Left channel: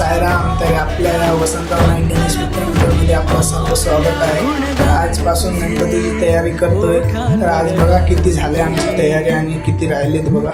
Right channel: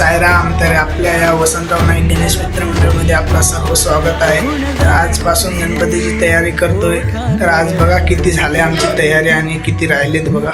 साईराम. तर आपल्या या वसंतराव नाईक गणेश मित्र मंडळमध्ये आपलं सर्व स्वागत आहे. तर आजपासून गणपतीची तयारी करतोय. तर आज बघा किती झाले आमची तयारी आणि किती राहिलेत बघा.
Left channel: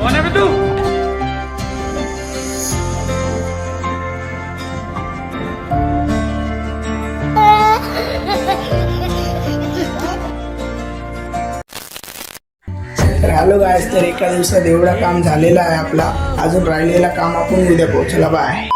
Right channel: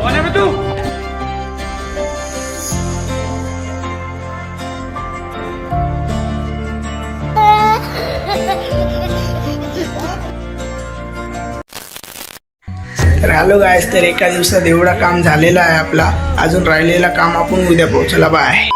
कौन है बे तू? तर हॅलो गायस, तर एका दिवसात एवढं काम झालेलं आहे आपला. अजून राहिलेला काम आपण उद्या पोहोचला. बाय.